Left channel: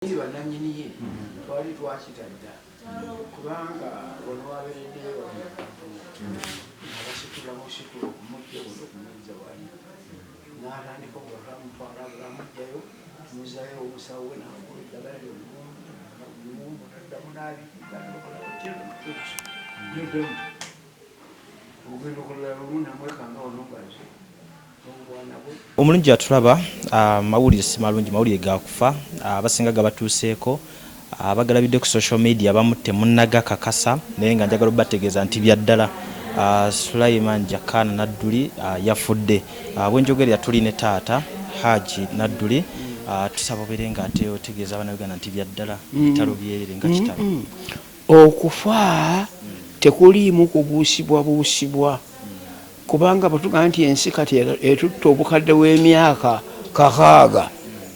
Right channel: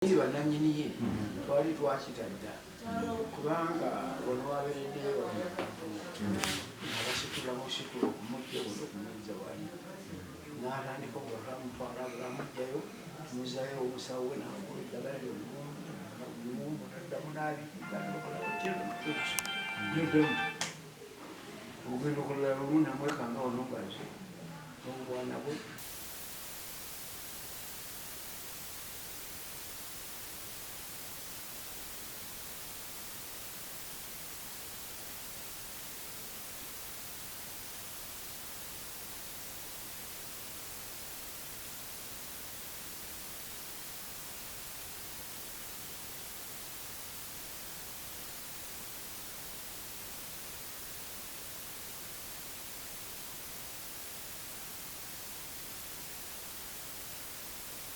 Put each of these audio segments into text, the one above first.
bannannyiniye twali twakitadda kubanga ono wabeereddeyo abasitula musitula okumujja buno okumuzza wali n'atandika okulamutwala bulamujjayo tumuzayo omusawo we n'amugula eddagala ly'omuwumbu taddamu n'abikiddamu ogenda okulala lumu namwekanga onongazi omulungi atulaba mawulire si malungi mawulire gakufa abasinga gabatuuseeko abagalabidde ku social media abamu temunnagakakasa naye nga njagala obategeeza nti byaddala Sulaiman Jakana Nadduli yafudde bwenjogerera tuli ne taata Hajji Nadduli tusaba obeere nga ate otegeeza abaana Uganda nti byaddala bitalo byerere nga kitalo okufa tekuliimu kubuusibwa kubanga batugamba nti ensi kati etutta obukadde w'emyaka 600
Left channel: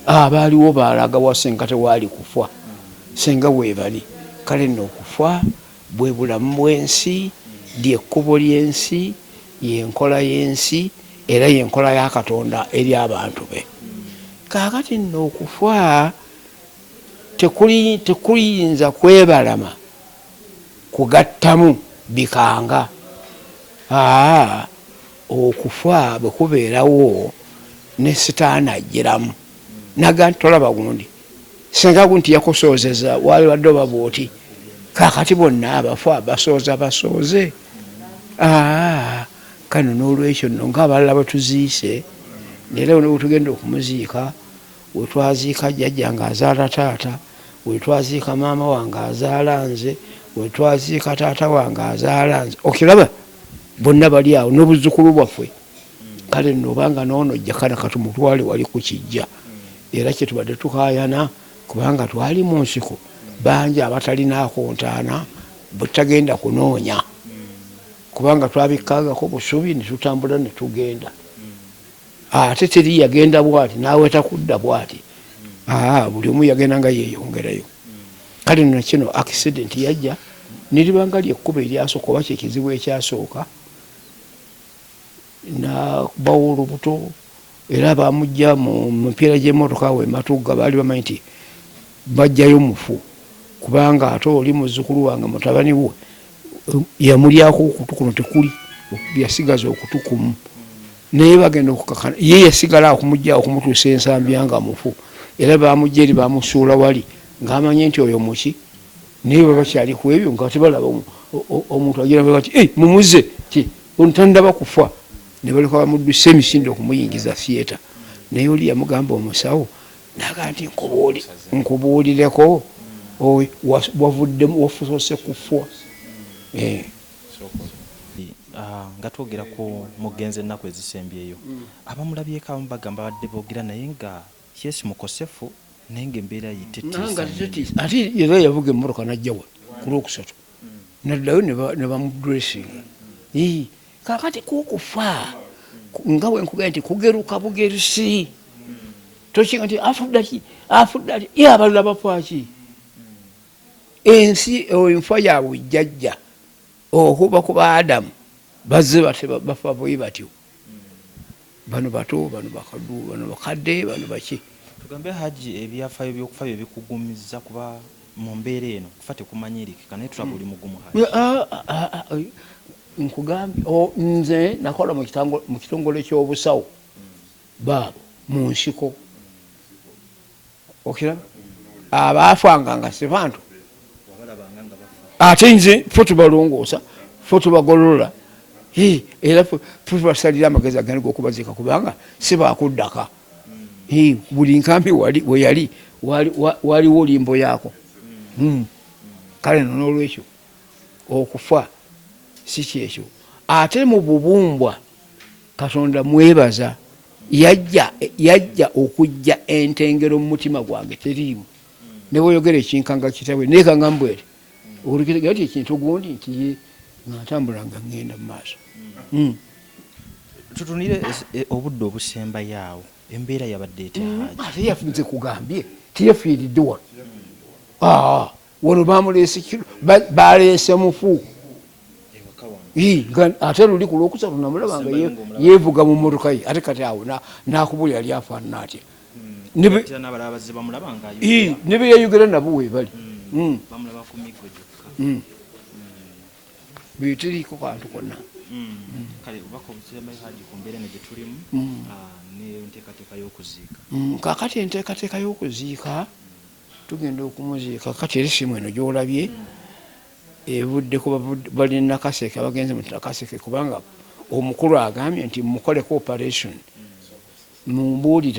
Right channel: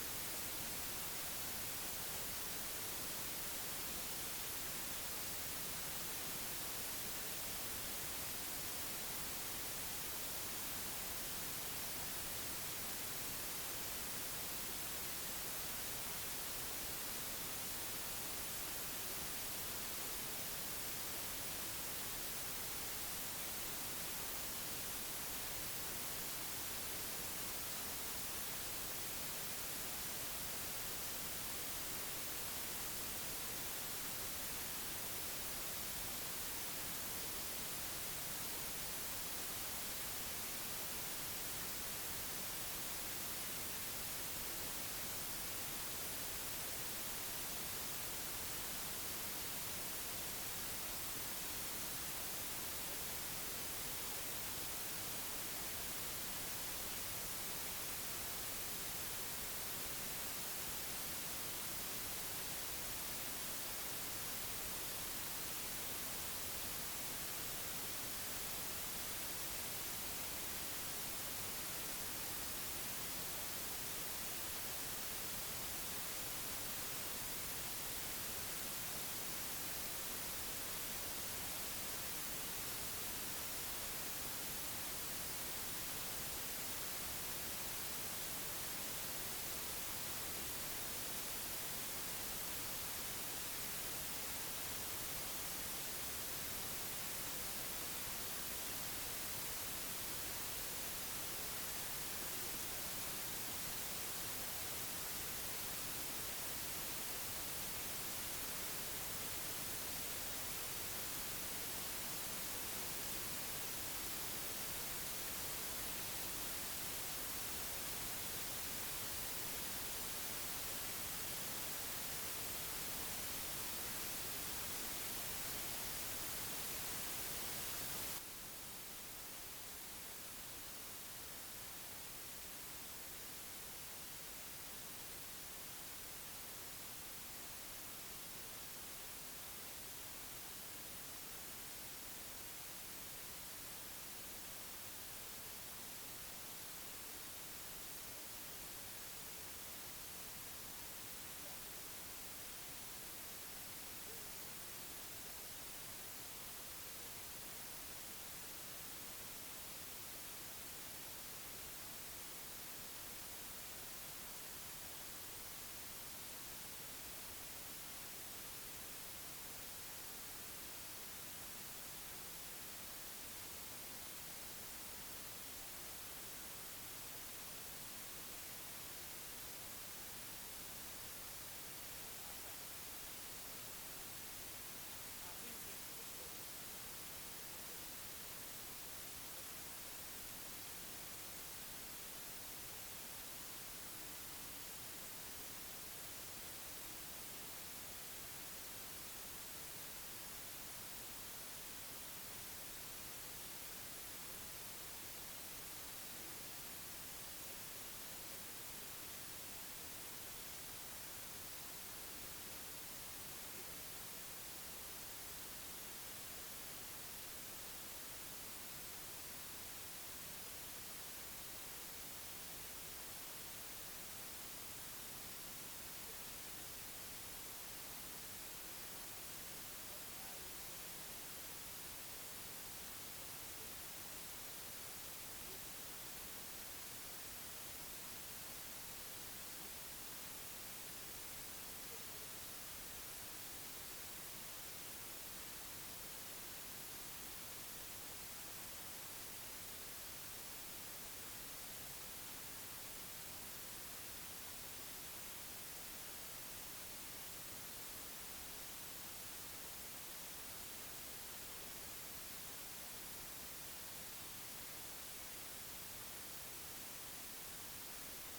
abaaliwo baalaga wa senga tewaali kufa senga weebali kale nno okufa bwe bulamu bw'ensi lyekkubo ly'ensi yenkola y'ensi era yenkola ya Katonda eri abantu be kaakati nno okufa tekuyinza kwebalama kugattamu bikanga okufa bwe kubeerawo ne sitaani ajjiramu naga nti tolaba gundi senga gunti yakusoozeza wali wadde oba bwoti kaakati bonna abafa basooze kano n'olwekyo nno ng'abalala bwetuziise neera ne bwetugenda okumuziika wetwaziika jjajja ng'azaala taata wetwaziika maama wange azaala nze wetwaziika taata wange azaala nze okiraba bonna bali awo n'obuzzukulu bwaffe kale nno obanga noono Jakana katumutwale wali ku kijja era kyetubadde tukaayana kubanga twali mu nsiko bangi abatalinaako ntaana bwe tutagenda kunoonya kubanga twabikkaagako busubi ne tutambula ne tugenda ate teri yagenda bwati naawe takudda bwati buli omu yagenda nga yeeyongerayo kale nno kino accident yajja niribanga lyekkuba eryasooka oba kyekizibu ekyasooka nabawo olubuto era bamujja mu mipiira gy'emmotoka we Matugga baali bamanyi nti bajjayo mufu kubanga ate oli muzzukulu wange Mutabaniwe yamulyako okutu kuno tekuli yasigaza okutu kumu naye bagenda okukakana ye yasigala okumujja okumutuusa ensambya nga mufu era bamujja eri bamusuula wali ng'amanye nti oyo muki naye baba bakyali ku ebyo nga tebalaba omuntu agiraba bati mumuze ti ontandaba kufa ne baleka bamudduse emisinde okumuyingiza theatre naye oli yamugamba omusawo naga nti nkubuulireko wavuddemu wafuuse kufwa nga twogera ku mugenzi ennaku ezisembyeyo abamulabyeko abamu bagamba badde boogera naye nga yesi mukosefu naye ngaembeera yitetiisa ate era yavuga emmotoka najjawa ku lwokusatu naddayo ne bamudressinga kakati kukufa nga wenkugenda nti kugeruka bugerusi tokinga nti afudde ki abalala bafaki ensi enfa yaabwe jjajja okuba ku baadamu bazze bafa bwe batyo bano bato bano bakaddu bano bakadde bano baki tugambe Hajji ebyafaayo by'okufa bye bikugumiza kuba mu mbeera eno kufa tekumanyirikika naye tulaba oli mugumu nkugambye nze nakola mu kitongole ky'obusawo baabo mu nsiko okiraba abaafanga nga si bantu ate nze ffe tubalongoosa ffe tubagolola era ffe tubasalira amagezi agandi g'okubaziika kubanga si baakuddaka buli nkambi we yali waliwo limbo yaako kale n'olwekyo okufa si kyekyo ate mu bubumbwa Katonda mwebaza yajja okujja entengero mu mutima gwange teriimu ne bweyogera ekinkanga kitawe neekanga mbwere olugero ti ekintu gundi nti ye natambula nga ngenda mu maaso tutunire obudde obusembayo awo embeera yabadde etya ate yafunze kugambye tiyafiiridde wano bamuleese baleese mufu ate luli ku lwokusatu namulaba nga yeevuga mu mmotoka ye ate kati awo nakubulira lyafaanana atya ne beyayogera nabo webali betiriiko kantu konna. Kakati enteekateeka y'okuziika tugenda okumuziika kati era essimu eno gyolabye evudde kuba bali nakaseke abagenzi mu nakaseke kubanga omukulu agambye nti mukoleko operation mumbuulire